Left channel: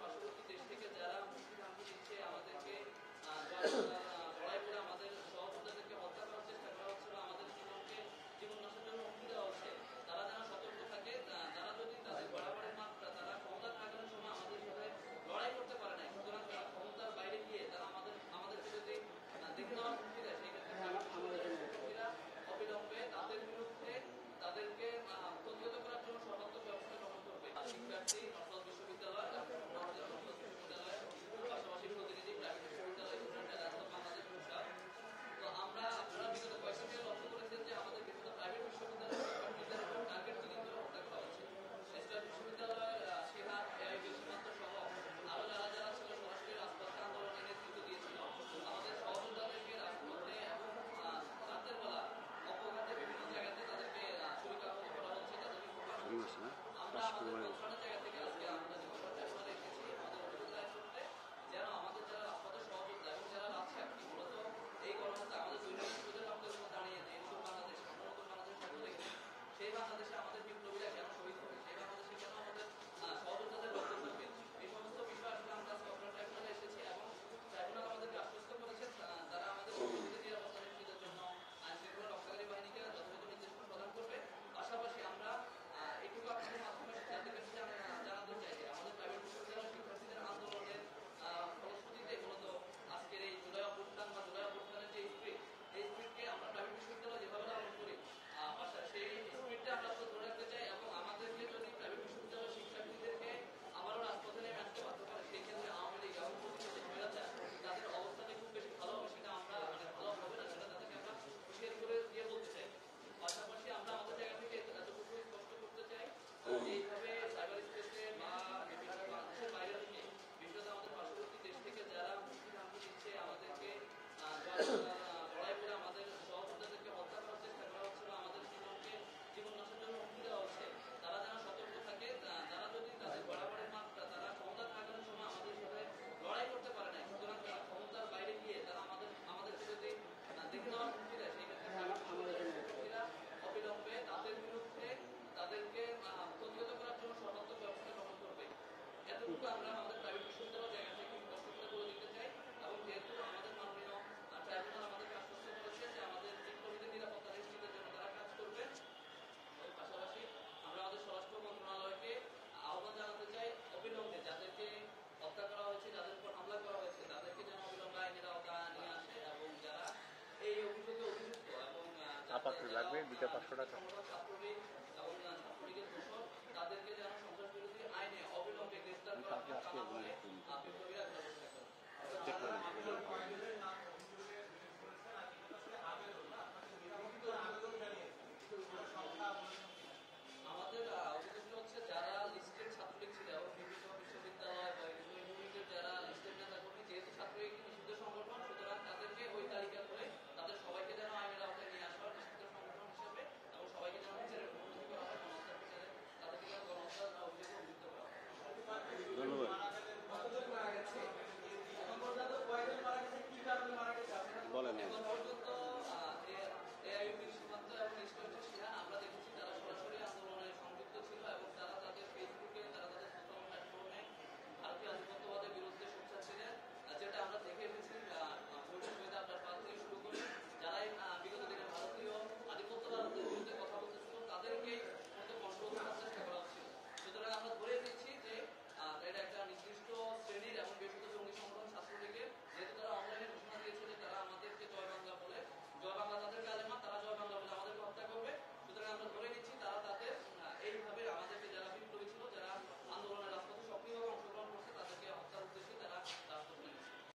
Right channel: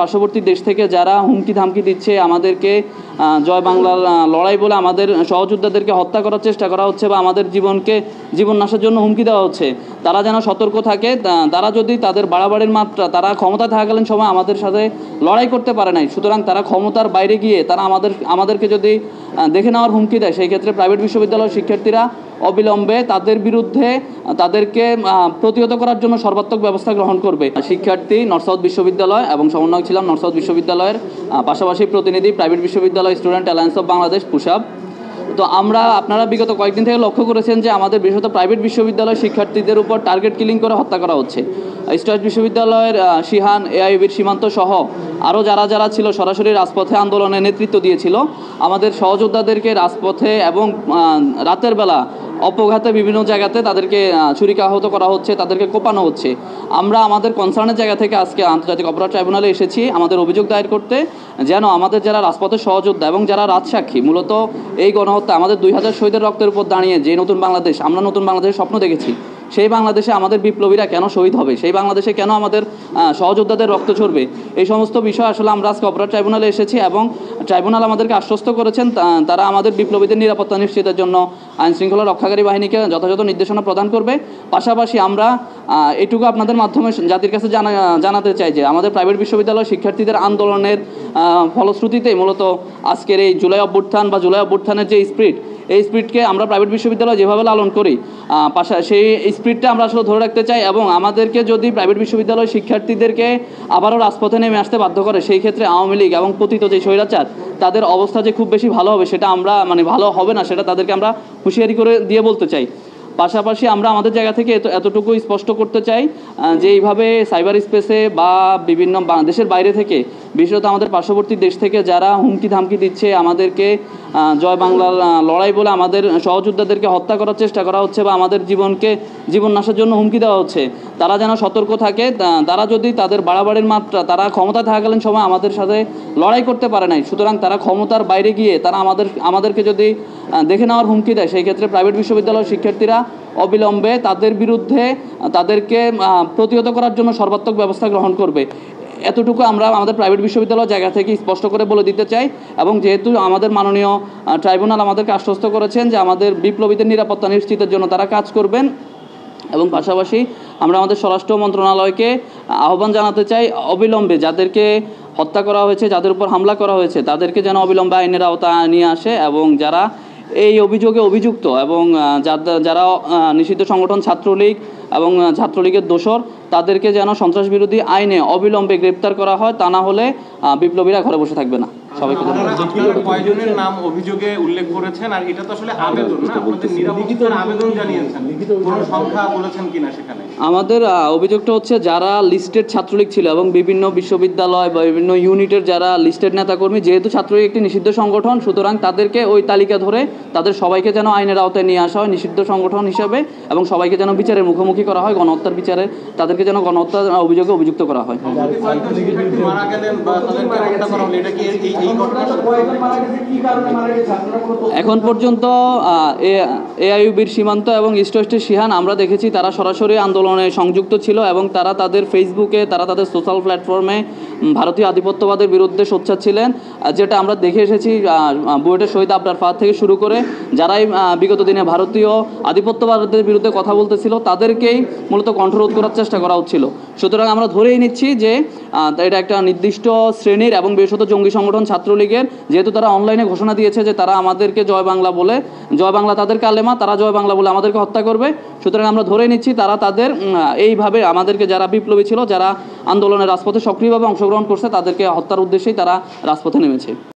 পার্শ্ববর্তী দেশ থেকে যারা হুমকি ধামকি দিচ্ছে আমাদেরকে জয় বাংলার লড়াই বলে আমাদের সহযোদ্ধাদেরকে হত্যা করার চেষ্টা করা হচ্ছে বা আমাদের জীবন নাশের জন্য হুমকি দেওয়া হচ্ছে, তারা যেন সতর্ক থাকে। তারা যদি তাদের বাড়াবাড়ির মাত্রা তারা ক্ষমতা থাকাকালীন সময় আমাদের সাথে লড়াই করতে পারে নাই, সুতরাং তারা ক্ষমতার বাইরে গিয়ে তারা আমাদেরকে যদি দেখে নেওয়ার হুমকি দেয়, সেই ক্ষেত্রে প্রাইভেট বিশ্ববিদ্যালয়ের শিক্ষার্থীরা অবিলম্বে তাদের বিরুদ্ধে তাদেরকে প্রতিহত করার জন্য সর্বাত্মক ব্যবস্থা গ্রহণ করবে। শিক্ষার্থী নর্থ সাউথ বিশ্ববিদ্যালয় এবং সমন্বয়ক ছিলাম নর্থ সাউথ বিশ্ববিদ্যালয়ের, পাশাপাশি প্রতিনিধি প্রাইভেট বিশ্ববিদ্যালয় স্টুডেন্ট অ্যালায়েন্স অফ বাংলাদেশ পুশাব। তো আপনারা বিগত কয়েকদিন থেকে লক্ষ্য করেছেন যে আমাদের বিশেষত প্রাইভেট বিশ্ববিদ্যালয়ের শিক্ষার্থীদের উপর টার্গেট কিলিং করে হত্যা করা হচ্ছে। ইস্ট বিশ্ববিদ্যালয়ের শিহান, এআইইউবির সীমান্ত সহ আরও যারা ছিল সরাসরি রাজপথে আন্দোলনের নেতৃত্ব দিয়েছিল, আমাদের সহযোদ্ধাদেরকে রাজপথে এবং রাতের বেলা অপঘাতে বিভিন্ন জায়গাতে তাদেরকে ছুরিকাহত করা হচ্ছে, তাদেরকে কোপানো হচ্ছে। আমরা আমাদের কনসার্নের জায়গা থেকে আজকে আন্তর্জাতিক অপরাধ ট্রাইব্যুনালে এসেছি আমাদের অভিযোগ দায়ের করতে, যেন আমাদের যারা রাজপথের সহযোদ্ধা এবং যারা রাজসাক্ষী, মূলত এই গণহত্যা আমাদের 2000 শহীদের রক্তের উপর দাঁড়িয়ে যে নতুন বাংলাদেশ, আমরা নতুন বাংলাদেশের স্বপ্ন দেখেছি, সেই বাংলাদেশে আমাদের বিপ্লবীরা কেন শহীদ হবে, সেই বাংলাদেশে কেন আমাদের সহযোদ্ধাদের রক্ত ঝরবে, এই সমস্ত বিষয় আসলে আমরা আজকে অপরাধ ট্রাইব্যুনালে এসেছি এবং ট্রাইব্যুনাল আমাদেরকে আশ্বস্ত করেছেন তারা আমাদের বিপ্লবীদের নিরাপত্তা নিশ্চিতের জন্য আইনশৃঙ্খলা রক্ষাকারী বাহিনীকে যথাযথ নির্দেশনা প্রদান করবে। পাশাপাশি আমরা এটুকু আপনাদের মাধ্যমে জাতির কাছে জানাতে চাই যে আমাদের প্রাইভেট বিশ্ববিদ্যালয়ের শিক্ষার্থীদের আন্দোলনের ফলশ্রুতিতেই মূলত আজকের এই জুলাই অভ্যুত্থানের যে এই স্পিরিটকে আমরা প্রাইভেট বিশ্ববিদ্যালয় যেভাবে লালন করি, সেই স্পিরিটটা আমরা আসলে ধরে রাখতে চাই। এবং আমাদেরকে যদি প্রাইভেট বিশ্ববিদ্যালয়ের শিক্ষার্থীদেরকে আবারও রাজপথে নেমে আসতে বাধ্য করে, সেই ক্ষেত্রে আওয়ামী লীগ এবং পতিত যে স্বৈরাচার তাদের অবস্থা যে খুব বেশি ভালো হবে সেটা আমরা ভালো হবে না, সেটা তাদেরকে আমরা হুঁশিয়ারি করে দিয়ে বলতে চাই। পাশাপাশি আমরা আমাদের জায়গা থেকে এতটুকু স্পষ্ট করতে চাই যে এইভাবে সাইবার স্পেসে বা বিভিন্ন দেশের বাইরে থেকে, বিশেষত আমাদের পার্শ্ববর্তী দেশ থেকে যারা হুমকি ধামকি দিচ্ছে আমাদেরকে জয় বাংলার লড়াই বলে আমাদের সহযোদ্ধাদেরকে হত্যা করার চেষ্টা করা হচ্ছে বা আমাদের জীবন নাশের জন্য হুমকি দেওয়া হচ্ছে, তারা যেন সতর্ক থাকে। তারা যদি তাদের বাড়াবাড়ির মাত্রা তারা ক্ষমতা থাকাকালীন সময় আমাদের সাথে লড়াই করতে পারে নাই, সুতরাং তারা ক্ষমতার বাইরে গিয়ে তারা আমাদেরকে যদি দেখে নেওয়ার হুমকি দেয়, সেই ক্ষেত্রে প্রাইভেট বিশ্ববিদ্যালয়ের শিক্ষার্থীরা অবিলম্বে তাদের বিরুদ্ধে তাদেরকে প্রতিহত করার জন্য সর্বাত্মক ব্যবস্থা গ্রহণ করবে। এতটুকু আমরা আমাদের প্রাইভেট বিশ্ববিদ্যালয় জায়গা থেকে স্পষ্ট করে বলে দিতে চাই। এবং যেহেতু আমাদের মাননীয় ট্রাইব্যুনাল আমাদেরকে আশ্বস্ত করেছেন যে আমাদের বিপ্লবীদের নিরাপত্তা নিশ্চিতের জন্য তারা কাজ করবেন, এবং পাশাপাশি আমরা আমাদের স্বরাষ্ট্র মন্ত্রণালয়কে আহ্বান জানাতে চাই অবিলম্বে যাদেরকে হত্যা করা হয়েছে, যাদের উপর হামলা করা হয়েছে, তাদেরকে যেন অবিলম্বে আইনের আওতায় নিয়ে আসে, এবং যারা এই অভিযোগে অভিযুক্ত এবং যারা নিষিদ্ধ সংগঠন ছাত্রলীগ এবং ছাত্রলীগের দোসর, তাদেরকে যেন সন্ত্রাস বিরোধী আইনে অবিলম্বে গ্রেপ্তার করা হয়, তা না হলে বিপ্লবীরা ঘরে বসে থাকবে না। সবাইকে কয়জনের নাম অভিযোগে উল্লেখ করেছেন, আর এটা তো আসলে আবেদন না, আপনাদের নিরাপত্তার আবেদন জানিয়েছেন, কোনো সংখ্যা বলেছেন কিনা সেখানে? আমাদের অভিযোগটা হচ্ছে যারা লিস্টেড ছাত্রলীগ ছিল এবং বিভিন্ন বিশ্ববিদ্যালয় বা বিভিন্ন ইউনিটের যারা লিস্টেড নেতাকর্মী, যেহেতু ছাত্রলীগ একটি নিষিদ্ধ সংগঠন, সুতরাং তাদেরকে ওই তালিকা ধরে তাদের সবাইকে যেন আইনের আওতায় নিয়ে আসা হয় নিষিদ্ধ সংগঠন হিসেবে, এবং সবাইকে যেন বিচারের মুখোমুখি করা হয়, গণহত্যার বিচারে তাদেরকে যেন গণহত্যার অভিযোগে অভিযুক্ত করা হয়। এখন পর্যন্ত এআইইউবির সীমান্ত এবং ইস্ট ওয়েস্টের শিহান আমরা দেখেছি তারা সরাসরি আন্দোলনে সংযুক্ত ছিল, এবং তারা তাদের ফেসবুকে তাদের সোশ্যাল প্ল্যাটফর্মে ভারতীয় আধিপত্যবাদের বিরুদ্ধে সোচ্চার ছিলেন, যেটা আমরা দেখে এসেছি বুয়েটের শহীদ আবরার ফাহাদ থেকে শুরু করে যারাই বিগত দিনে ভারতীয় আধিপত্যবাদের বিরুদ্ধে কথা বলতেছিল তাদেরকেই মূলত কণ্ঠরোধ করার চেষ্টা করা হচ্ছিল। সুতরাং আমরা ধরেই নিচ্ছি যে এটা একটা নির্দিষ্ট শ্রেণীর এবং বিশেষত জঙ্গি সংগঠন ছাত্রলীগের, যেহেতু তারা অনলাইনে ঘোষণা দিয়েছে যে তারা আমাদেরকে জয় বাংলা তাদের কালেমা, তারা জয় বাংলা বলে আমাদেরকে হত্যা করবে। সুতরাং আমরা ধরে নিচ্ছি তাদের এইভাবে আমাদেরকে যারা বিপ্লবী ছিল, যারা আন্দোলনের রাজপথে সক্রিয়ভাবে অংশগ্রহণ করছে, তাদেরকে হত্যার উদ্দেশ্যেই তারা রাজপথে নেমেছে।